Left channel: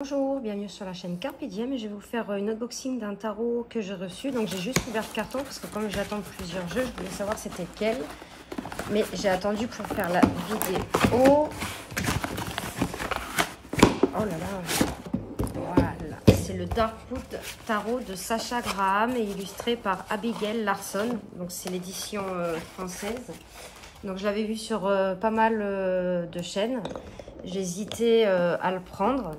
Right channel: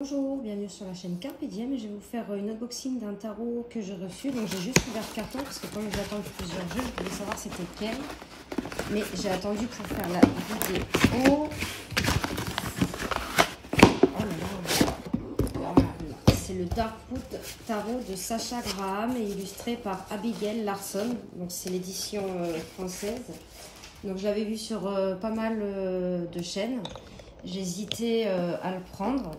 Bonjour, bienvenue sur la chaîne Carpe Diem et je vais vous faire une unboxing d'un tarot que j'ai reçu. Donc j'ai juste ouvert le carton parce que comme j'attends plusieurs jeux, je voulais savoir c'était quel. Mais j'ai attendu pour faire la vidéo. Oh là là, voilà. C'est le Darkwood Tarot de Sacha Graham et illustré par Abigail Larson. Donc c'est l'édition française. Donc je l'avais vu sur pas mal de chaînes. J'hésitais à le prendre.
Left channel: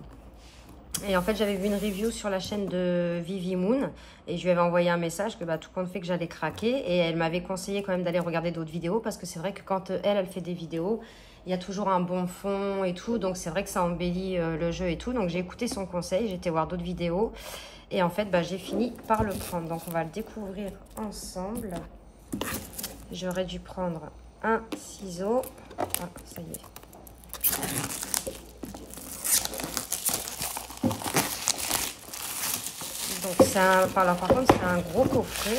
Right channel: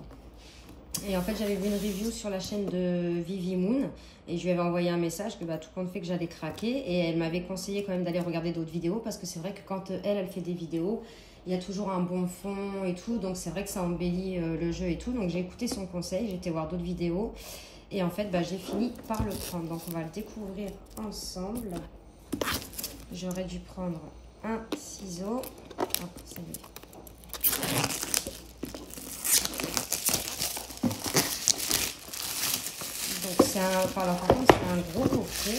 Et en fait, j'avais vu une review sur la chaîne de Vivi Moon et je lui avais envoyé un message que tout compte fait que j'allais craquer. Et elle m'avait conseillé quand même d'aller regarder d'autres vidéos parce que c'est vrai que quand elle fait des vidéos, il y a toujours un bon fond et tout. Donc c'est vrai que ça embellit le jeu et tout. Donc j'ai écouté son conseil, j'ai été voir d'autres vidéos. Et en fait, j'ai fini par le prendre. Donc on va le découvrir ensemble. J'aurais dû prendre un ciseau. Ah, ça y est. Par contre, c'est un gros coffret.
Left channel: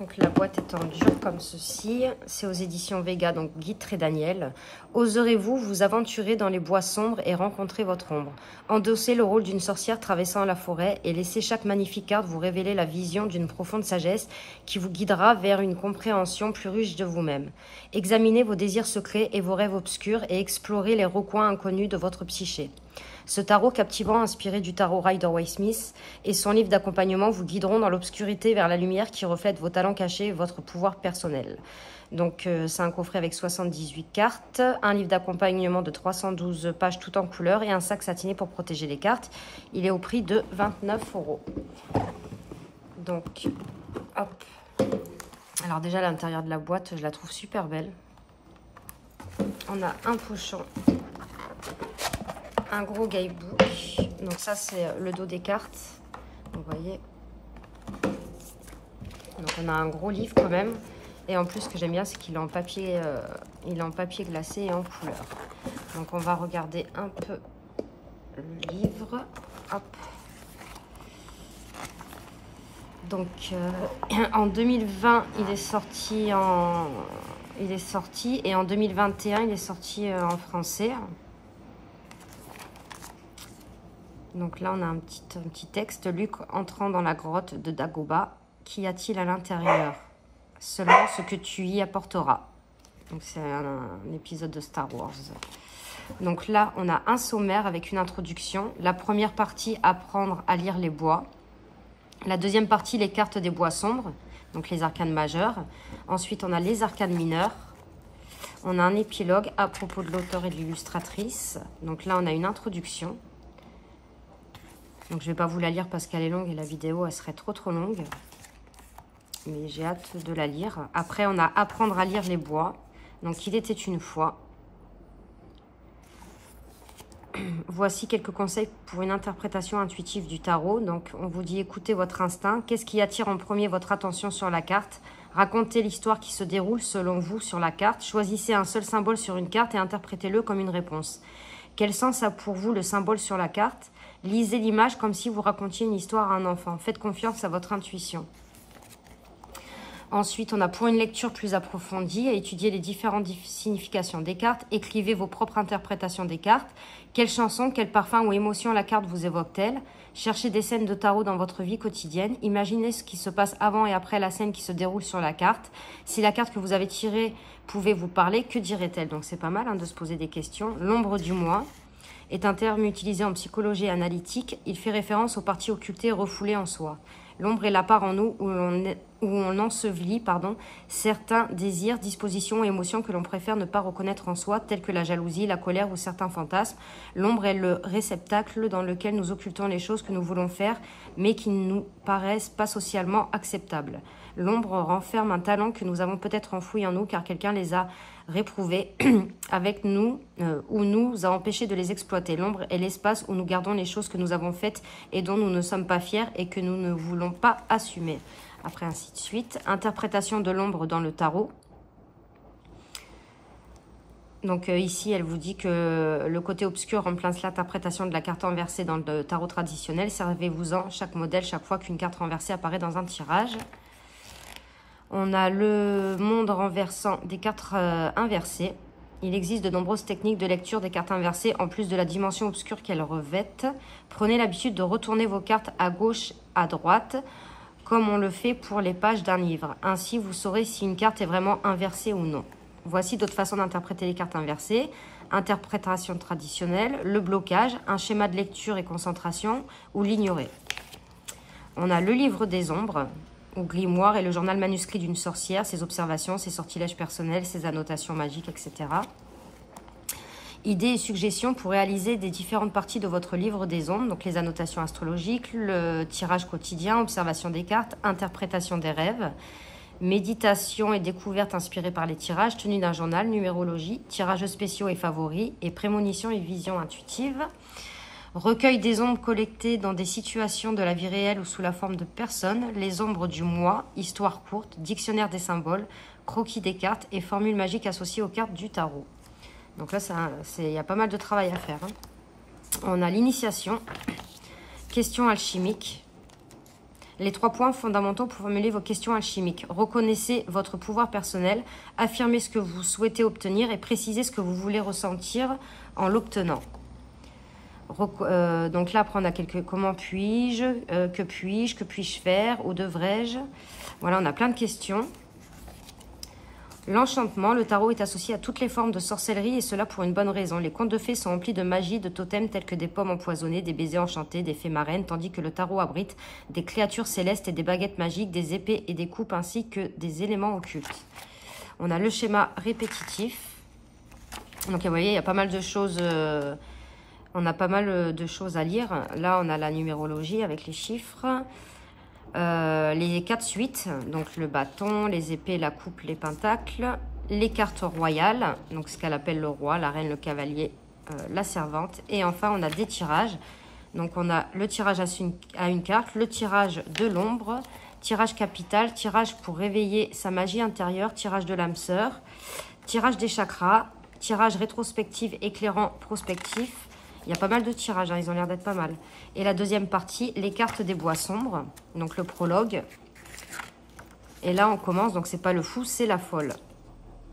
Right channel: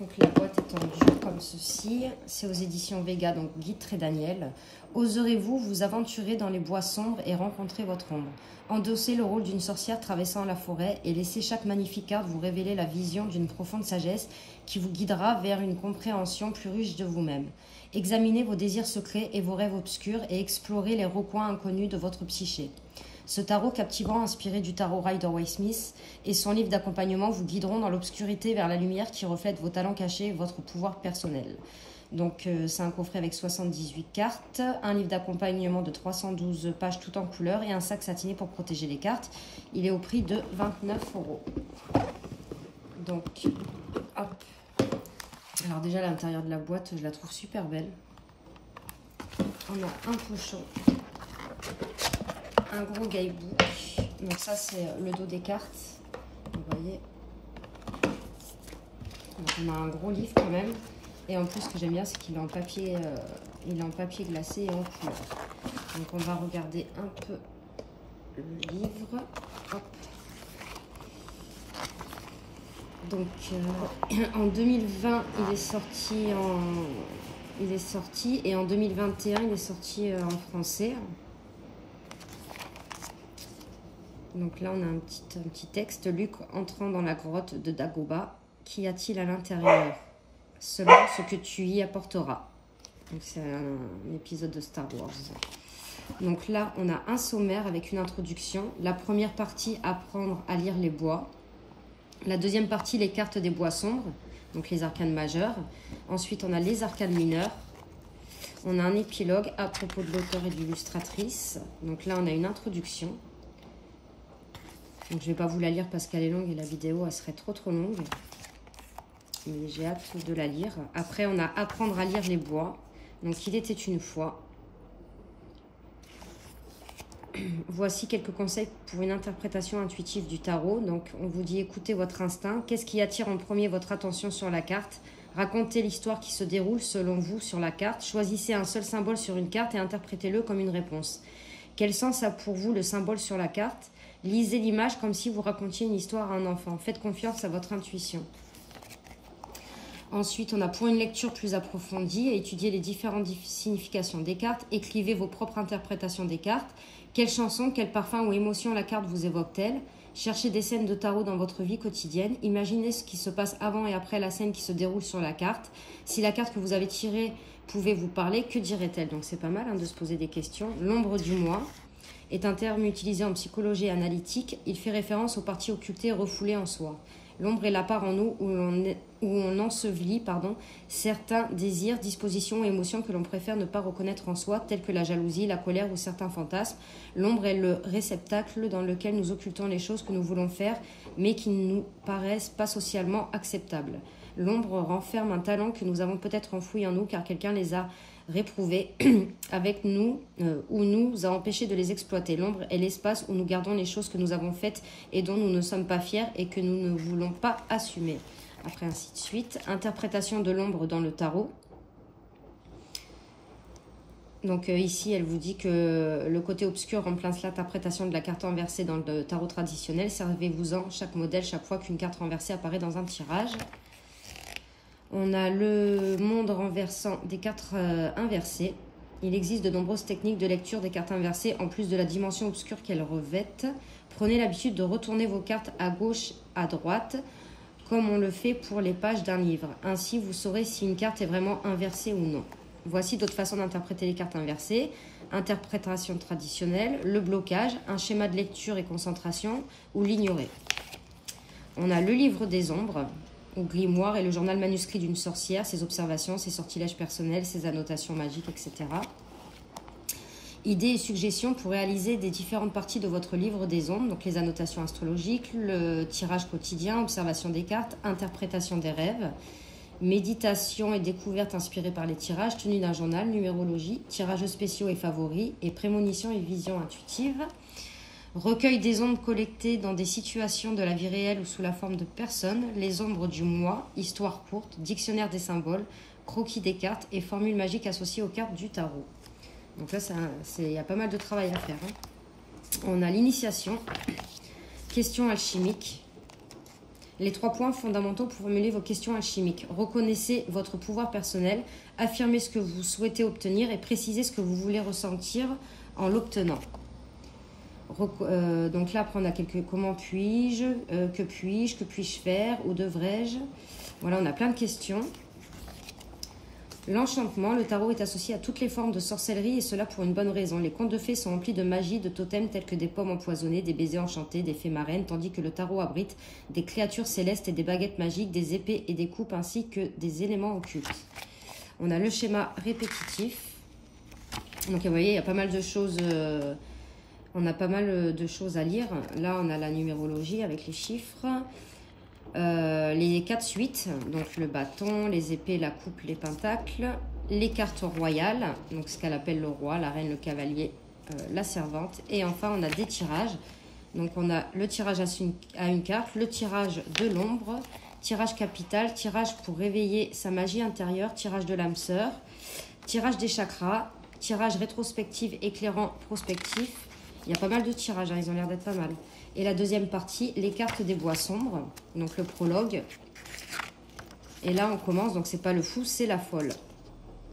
Donc la boîte est en dur comme ceci. C'est aux éditions Vega, donc Guitre et Daniel. Oserez-vous vous aventurer dans les bois sombres et rencontrer votre ombre? Endossez le rôle d'une sorcière traversant la forêt et laissez chaque magnifique carte vous révéler la vision d'une profonde sagesse qui vous guidera vers une compréhension plus riche de vous-même. Examinez vos désirs secrets et vos rêves obscurs et explorez les recoins inconnus de votre psyché. Ce tarot captivant, inspiré du tarot Rider-Waite-Smith et son livre d'accompagnement vous guideront dans l'obscurité vers la lumière qui reflète vos talents cachés et votre pouvoir personnel. Donc c'est un coffret avec 78 cartes, un livre d'accompagnement de 312 pages tout en couleur et un sac satiné pour protéger les cartes. Il est au prix de 29 €. Donc, hop. Alors déjà l'intérieur de la boîte, je la trouve super belle. On a un pochon. Un gros guidebook. Donc ça c'est le dos des cartes. Vous voyez. Donc on a un gros livre quand même. Et en plus ce que j'aime bien c'est qu'il est en papier, glacé et en couleur. Donc on va regarder un peu le livre. Hop. Donc en 2020 il est sorti et en 2021 il est sorti en français. Donc là, on a un petit texte. Luc entrant dans la grotte de Dagobah. Qu'y a-t-il à l'intérieur? Selon ce que tu y apporteras. Donc c'est un épisode de Star Wars. Donc là, on a un sommaire avec une introduction. La première partie, apprendre à lire les bois. La deuxième partie, les cartes des bois sombres. Donc les arcanes majeures. Ensuite, on a les arcanes mineures. On a un épilogue à propos de l'auteur et de l'illustratrice. Donc là, on a une introduction. Donc je ne vais pas vous la lire parce qu'elle est longue et la vidéo elle serait trop longue. Mais j'ai hâte de la lire. Après on a apprendre à lire les bois. Donc il était une fois. Voici quelques conseils pour une interprétation intuitive du tarot. Donc on vous dit écoutez votre instinct. Qu'est-ce qui attire en premier votre attention sur la carte? Racontez l'histoire qui se déroule selon vous sur la carte. Choisissez un seul symbole sur une carte et interprétez-le comme une réponse. Quel sens a pour vous le symbole sur la carte? Lisez l'image comme si vous racontiez une histoire à un enfant. Faites confiance à votre intuition. Ensuite, on a pour une lecture plus approfondie à étudier les différentes significations des cartes. Écrivez vos propres interprétations des cartes. Quelle chanson, quel parfum ou émotion la carte vous évoque-t-elle? Cherchez des scènes de tarot dans votre vie quotidienne. Imaginez ce qui se passe avant et après la scène qui se déroule sur la carte. Si la carte que vous avez tirée pouvait vous parler, que dirait-elle? Donc c'est pas mal de se poser des questions. L'ombre du moi est un terme utilisé en psychologie analytique. Il fait référence aux parties occultées et refoulées en soi. L'ombre est la part en nous où on ensevelit certains désirs, dispositions ou émotions que l'on préfère ne pas reconnaître en soi, tels que la jalousie, la colère ou certains fantasmes. L'ombre est le réceptacle dans lequel nous occultons les choses que nous voulons faire, mais qui ne nous paraissent pas socialement acceptables. L'ombre renferme un talent que nous avons peut-être enfoui en nous, car quelqu'un les a réprouvés avec nous ou nous a empêché de les exploiter. L'ombre est l'espace où nous gardons les choses que nous avons faites et dont nous ne sommes pas fiers et que nous ne voulons pas assumer. Après, ainsi de suite. Interprétation de l'ombre dans le tarot. Donc ici, elle vous dit que le côté obscur remplace l'interprétation de la carte renversée dans le tarot traditionnel. Servez-vous-en chaque modèle chaque fois qu'une carte renversée apparaît dans un tirage. On a le monde renversant des cartes inversées. Il existe de nombreuses techniques de lecture des cartes inversées, en plus de la dimension obscure qu'elles revêtent. Prenez l'habitude de retourner vos cartes à gauche, à droite, comme on le fait pour les pages d'un livre. Ainsi, vous saurez si une carte est vraiment inversée ou non. Voici d'autres façons d'interpréter les cartes inversées. Interprétation traditionnelle, le blocage, un schéma de lecture et concentration, ou l'ignorer. On a le livre des ombres, ou grimoire, et le journal manuscrit d'une sorcière, ses observations, ses sortilèges personnels, ses annotations magiques, etc. Idées et suggestions pour réaliser des différentes parties de votre livre des ombres, donc les annotations astrologiques, le tirage quotidien, observation des cartes, interprétation des rêves, méditation et découverte inspirée par les tirages, tenue d'un journal, numérologie, tirages spéciaux et favoris, et prémonition et vision intuitive. Recueil des ombres collectées dans des situations de la vie réelle ou sous la forme de personnes, les ombres du mois, histoire courte, dictionnaire des symboles, croquis des cartes et formules magiques associées aux cartes du tarot. Donc là, il y a pas mal de travail à faire. On a l'initiation, questions alchimiques. Les 3 points fondamentaux pour formuler vos questions alchimiques. Reconnaissez votre pouvoir personnel, affirmez ce que vous souhaitez obtenir et précisez ce que vous voulez ressentir en l'obtenant. Donc là, après, on a quelques comment puis-je, que puis-je faire, ou devrais-je. Voilà, on a plein de questions. L'enchantement, le tarot est associé à toutes les formes de sorcellerie et cela pour une bonne raison. Les contes de fées sont remplis de magie, de totems tels que des pommes empoisonnées, des baisers enchantés, des fées marraines, tandis que le tarot abrite des créatures célestes et des baguettes magiques, des épées et des coupes ainsi que des éléments occultes. On a le schéma répétitif. Donc vous voyez, il y a pas mal de choses, on a pas mal de choses à lire. Là, on a la numérologie avec les chiffres. Les 4 suites, donc le bâton, les épées, la coupe, les pentacles, les cartes royales, donc ce qu'elle appelle le roi, la reine, le cavalier, la servante. Et enfin, on a des tirages. Donc, on a le tirage à une carte, le tirage de l'ombre, tirage capital, tirage pour réveiller sa magie intérieure, tirage de l'âme sœur, tirage des chakras, tirage rétrospectif, éclairant, prospectif. Il y a pas mal de tirages, hein, ils ont l'air d'être pas mal. Et la deuxième partie, les cartes des bois sombres, donc le prologue. Et là, on commence, donc c'est pas le fou, c'est la folle.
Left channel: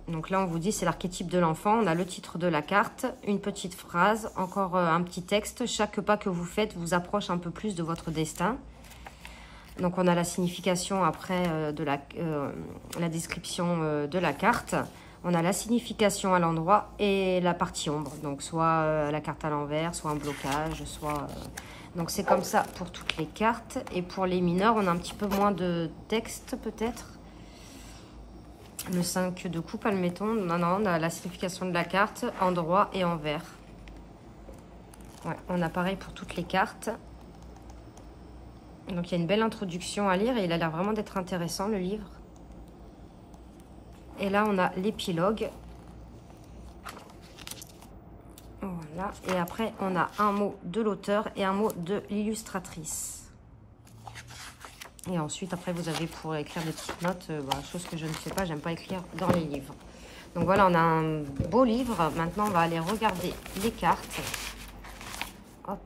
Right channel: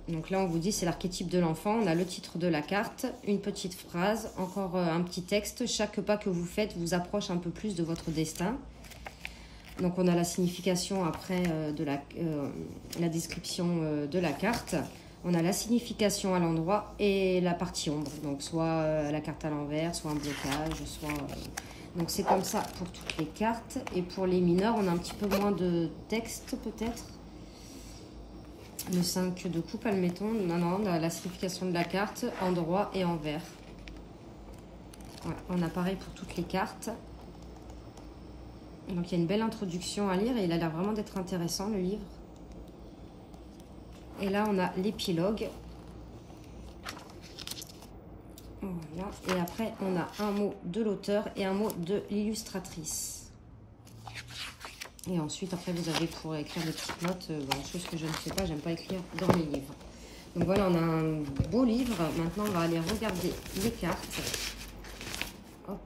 Donc là, on vous dit, c'est l'archétype de l'enfant. On a le titre de la carte, une petite phrase, encore un petit texte. Chaque pas que vous faites vous approche un peu plus de votre destin. Donc, on a la signification après de la description de la carte. On a la signification à l'endroit et la partie ombre. Donc, soit la carte à l'envers, soit un blocage, soit... Donc, c'est comme ça pour toutes les cartes. Et pour les mineurs, on a un petit peu moins de texte, peut-être. Le 5 de coupe, admettons. Non, on a la signification de la carte, endroit et envers. Ouais, on a pareil pour toutes les cartes. Donc, il y a une belle introduction à lire et il a l'air vraiment d'être intéressant, le livre. Et là, on a l'épilogue. Voilà. Et après, on a un mot de l'auteur et un mot de l'illustratrice. Et ensuite, après, vous avez pour écrire des petites notes. Voilà, chose que je ne sais pas, j'aime pas écrire dans les livres. Donc voilà, on a un beau livre. Maintenant, on va aller regarder les cartes. Hop.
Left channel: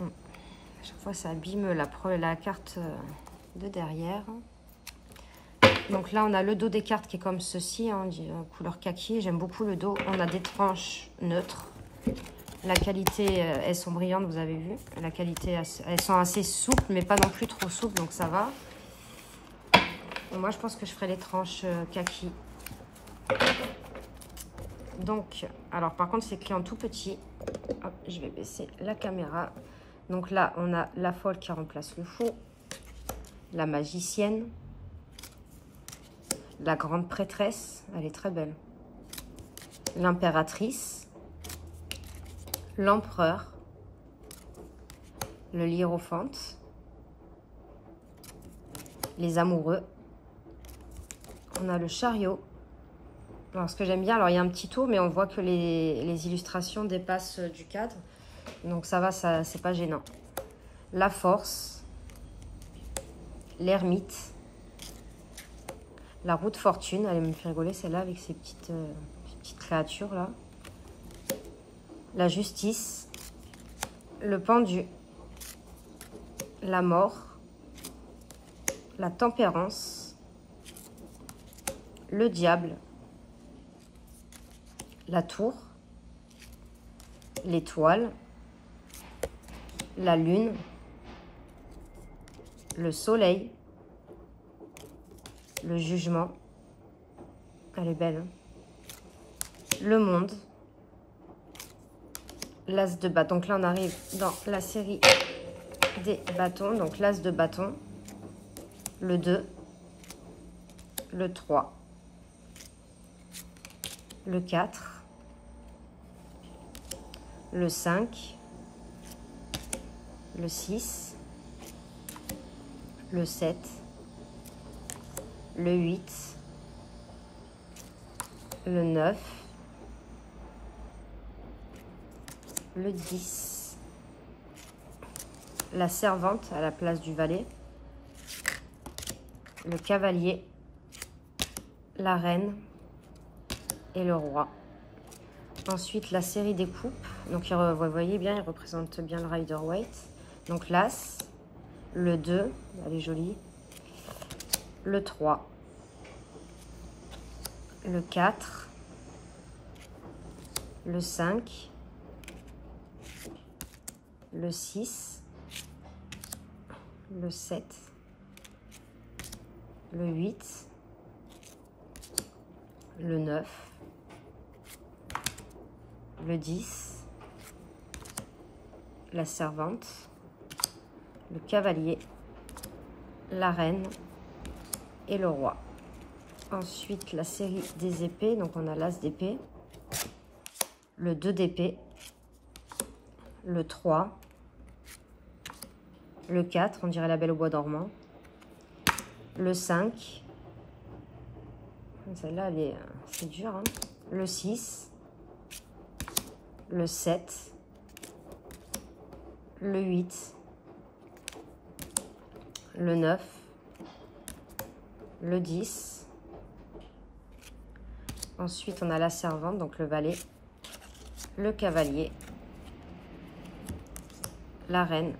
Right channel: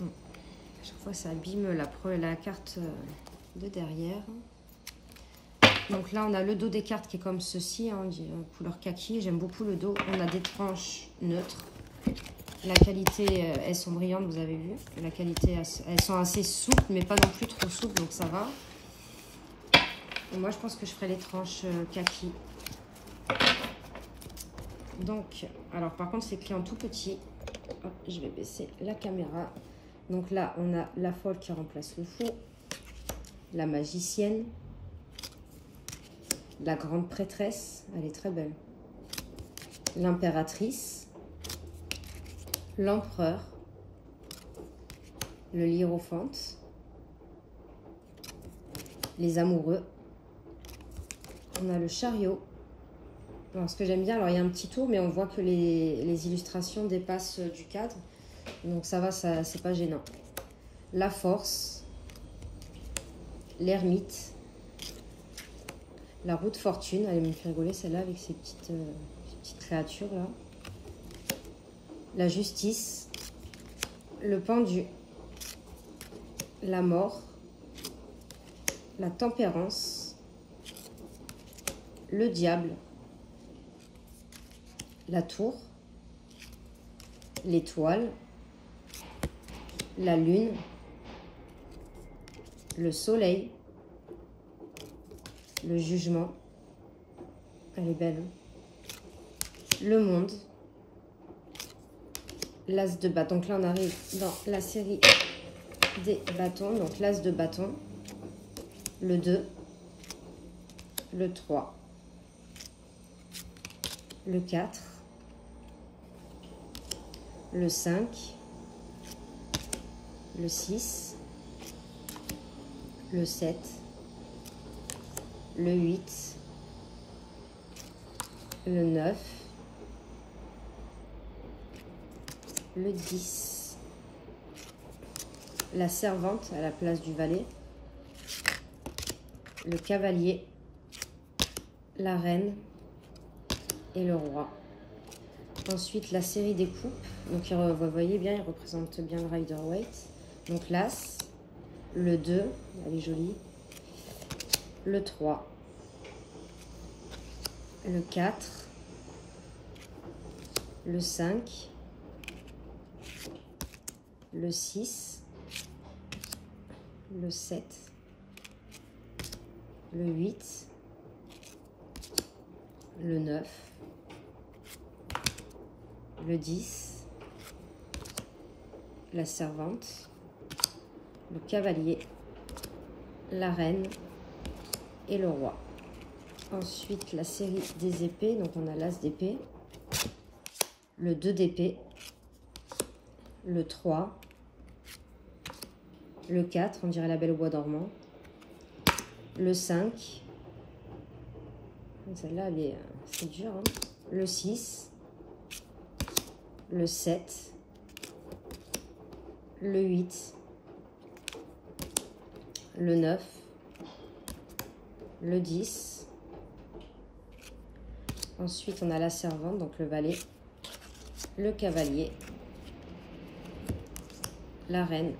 À chaque fois, ça abîme la carte de derrière. Donc là, on a le dos des cartes qui est comme ceci, hein, couleur kaki. J'aime beaucoup le dos. On a des tranches neutres. La qualité, elles sont brillantes, vous avez vu. La qualité, elles sont assez souples, mais pas non plus trop souples, donc ça va. Et moi, je pense que je ferai les tranches kaki. Donc, alors par contre, c'est écrit en tout petit. Hop, je vais baisser la caméra. Donc là, on a la folle qui remplace le fou. La magicienne. La grande prêtresse, elle est très belle. L'impératrice. L'empereur. Le hiérophante. Les amoureux. On a le chariot. Alors, ce que j'aime bien, alors il y a un petit tour, mais on voit que les illustrations dépassent du cadre. Donc ça va, ça, c'est pas gênant. La force. L'ermite. La roue de fortune, elle me fait rigoler celle-là avec ces petites créatures là. La justice, le pendu, la mort, la tempérance, le diable, la tour, l'étoile, la lune, le soleil, le jugement, elle est belle, hein, le monde, l'as de bâton. Donc là, on arrive dans la série des bâtons. Donc l'as de bâton, le 2, le 3, le 4, le 5, le 6, le 7, le 8, le 9, le 10, la servante à la place du valet, le cavalier, la reine et le roi. Ensuite, la série des coupes. Donc, vous voyez bien, il représente bien le Rider-Waite. Donc, l'as, le 2, elle est jolie, le 3, le 4, le 5, le 6, le 7, le 8, le 9, le 10, la servante, le cavalier, la reine et le roi. Ensuite, la série des épées. Donc, on a l'as d'épée, le 2 d'épée, le 3, le 4, on dirait la Belle au bois dormant, le 5, celle-là, c'est dur, hein, le 6, le 7, le 8, le 9, le 10. Ensuite, on a la servante, donc le valet, le cavalier, la reine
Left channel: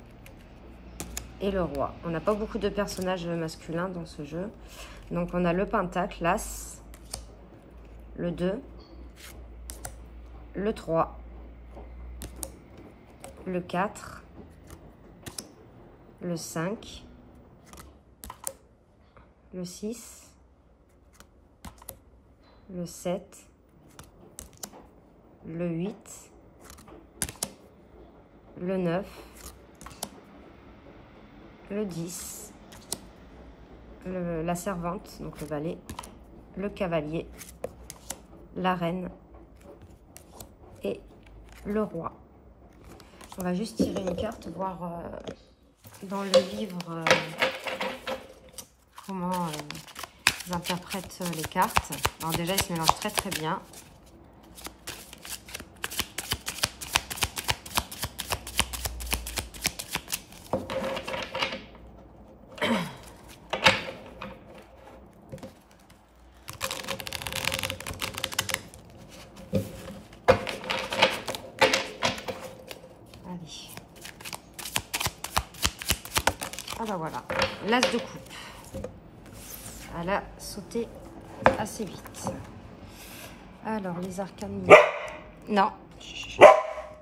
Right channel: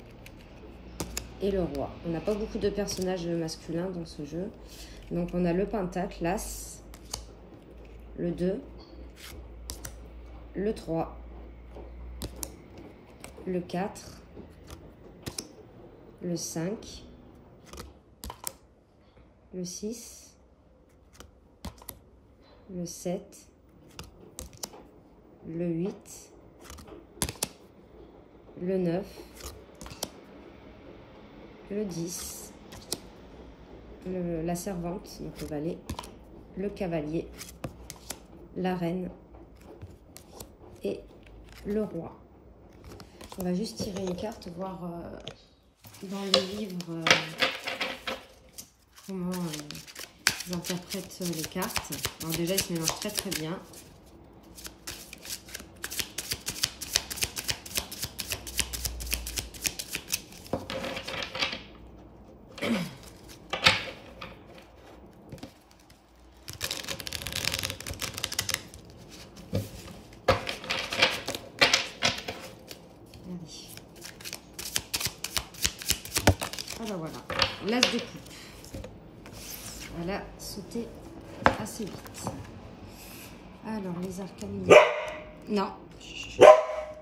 et le roi. On n'a pas beaucoup de personnages masculins dans ce jeu. Donc, on a le pentacle, l'as, le 2, le 3, le 4, le 5, le 6, le 7, le 8, le 9, le 10, la servante, donc le valet, le cavalier, la reine et le roi. On va juste tirer une carte, voir dans le livre comment ils interprètent les cartes. Alors déjà, ils se mélangent très très bien. Voilà, l'as de coupe. Elle a sauté assez vite. Alors, les arcanes mineures. Non.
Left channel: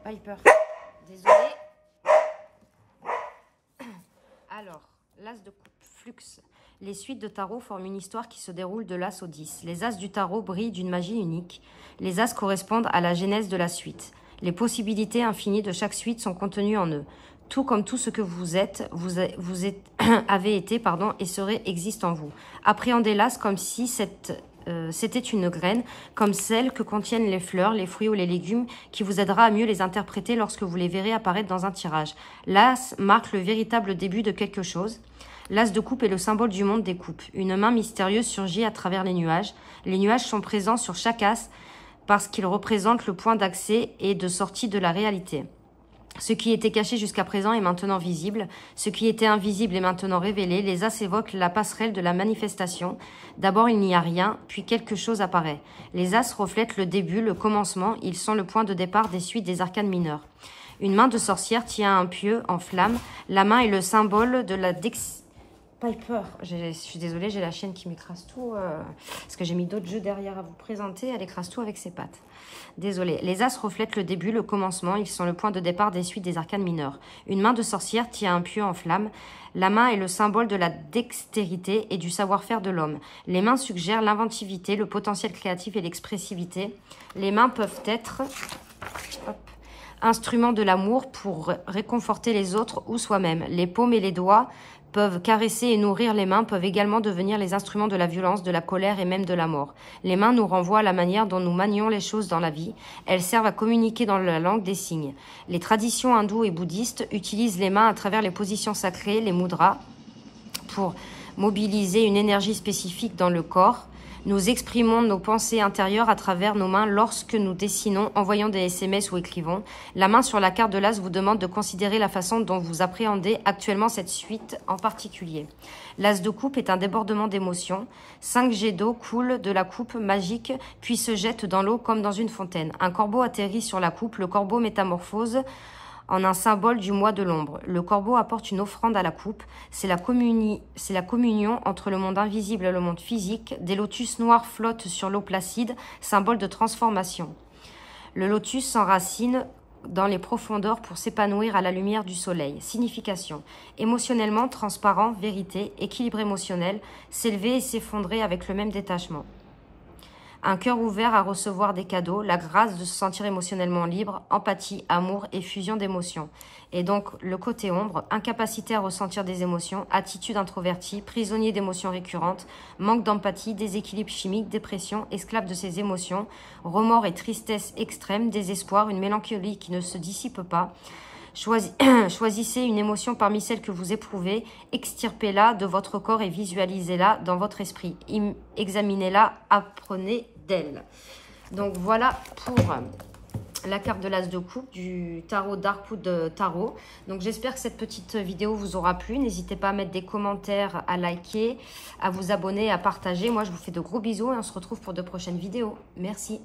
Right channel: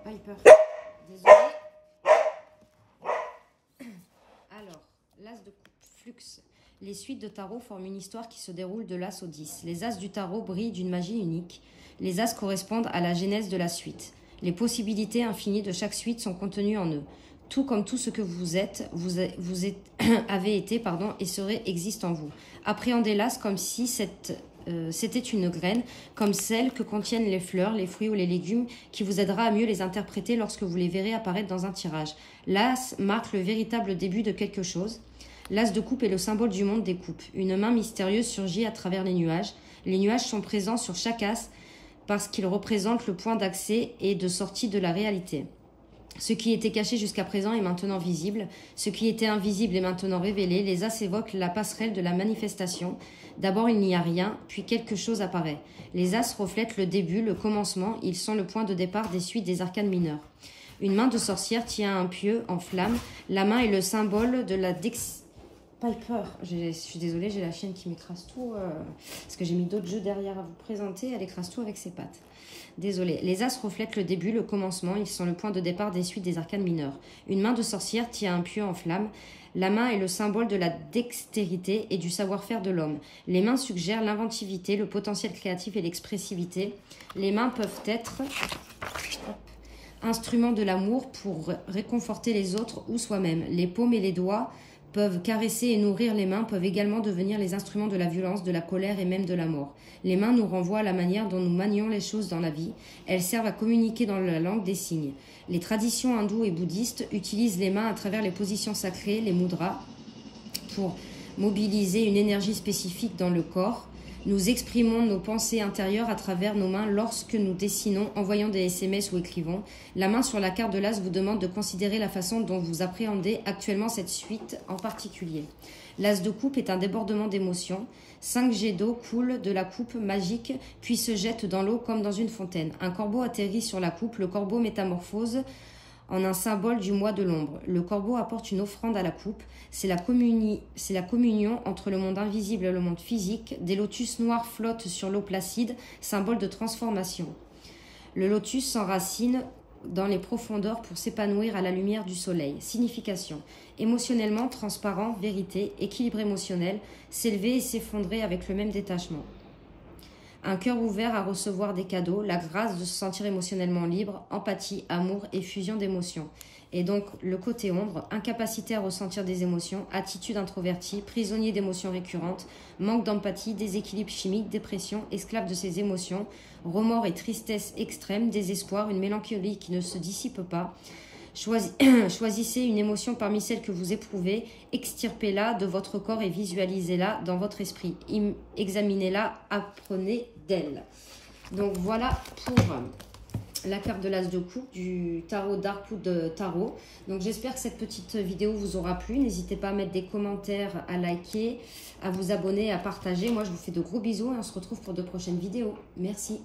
Piper. Désolée. Alors, l'as de coupe. Flux. Les suites de tarot forment une histoire qui se déroule de l'as au 10. Les as du tarot brillent d'une magie unique. Les as correspondent à la genèse de la suite. Les possibilités infinies de chaque suite sont contenues en eux. Tout comme tout ce que vous êtes, avez été, et serez existe en vous. Appréhendez l'as comme si c'était une graine, comme celle que contiennent les fleurs, les fruits ou les légumes, qui vous aidera à mieux les interpréter lorsque vous les verrez apparaître dans un tirage. L'as marque le véritable début de quelque chose. L'as de coupe est le symbole du monde des coupes. Une main mystérieuse surgit à travers les nuages. Les nuages sont présents sur chaque as parce qu'ils représentent le point d'accès et de sortie de la réalité. Ce qui était caché jusqu'à présent est maintenant visible. Ce qui était invisible est maintenant révélé. Les as évoquent la passerelle de la manifestation. D'abord, il n'y a rien, puis quelque chose apparaît. Les as reflètent le début, le commencement. Ils sont le point de départ des suites des arcanes mineures. Une main de sorcière tient un pieu en flamme. La main est le symbole de la Piper. Je suis désolée, j'ai la chienne qui m'écrase tout. Parce que j'ai mis d'autres jeux derrière à vous présenter. Elle écrase tout avec ses pattes. Désolée. Les as reflètent le début, le commencement. Ils sont le point de départ des suites des arcanes mineures. Une main de sorcière tient un pieu en flamme. La main est le symbole de la dextérité et du savoir-faire de l'homme. Les mains suggèrent l'inventivité, le potentiel créatif et l'expressivité. Les mains peuvent être instruments de l'amour pour réconforter les autres ou soi-même. Les paumes et les doigts peuvent caresser et nourrir les mains, peuvent également devenir les instruments de la violence, de la colère et même de la mort. Les mains nous renvoient à la manière dont nous manions les choses dans la vie. Elles servent à communiquer dans la langue des signes. Les traditions hindoues et bouddhistes utilisent les mains à travers les positions sacrées, les mudras, pour mobiliser une énergie spécifique dans le corps. Nous exprimons nos pensées intérieures à travers nos mains lorsque nous dessinons, envoyons des SMS ou écrivons. La main sur la carte de l'as vous demande de considérer la façon dont vous appréhendez actuellement cette suite en particulier. L'as de coupe est un débordement d'émotions. 5 jets d'eau coulent de la coupe magique, puis se jettent dans l'eau comme dans une fontaine. Un corbeau atterrit sur la coupe. Le corbeau métamorphose en un symbole du mois de l'ombre. Le corbeau apporte une offrande à la coupe. C'est la communion entre le monde invisible et le monde physique. Des lotus noirs flottent sur l'eau placide, symbole de transformation. Le lotus s'enracine dans les profondeurs pour s'épanouir à la lumière du soleil. Signification. Émotionnellement, transparent, vérité, équilibre émotionnel, s'élever et s'effondrer avec le même détachement. Un cœur ouvert à recevoir des cadeaux, la grâce de se sentir émotionnellement libre, empathie, amour et fusion d'émotions. Et donc, le côté ombre, incapacité à ressentir des émotions, attitude introvertie, prisonnier d'émotions récurrentes, manque d'empathie, déséquilibre chimique, dépression, esclave de ses émotions, remords et tristesse extrême, désespoir, une mélancolie qui ne se dissipe pas. Choisissez une émotion parmi celles que vous éprouvez, extirpez-la de votre corps et visualisez-la dans votre esprit. Examinez-la, apprenez d'elle. Donc voilà pour la carte de l'as de coupe du tarot Darkwood Tarot. Donc j'espère que cette petite vidéo vous aura plu. N'hésitez pas à mettre des commentaires, à liker, à vous abonner, à partager. Moi je vous fais de gros bisous et on se retrouve pour de prochaines vidéos. Merci.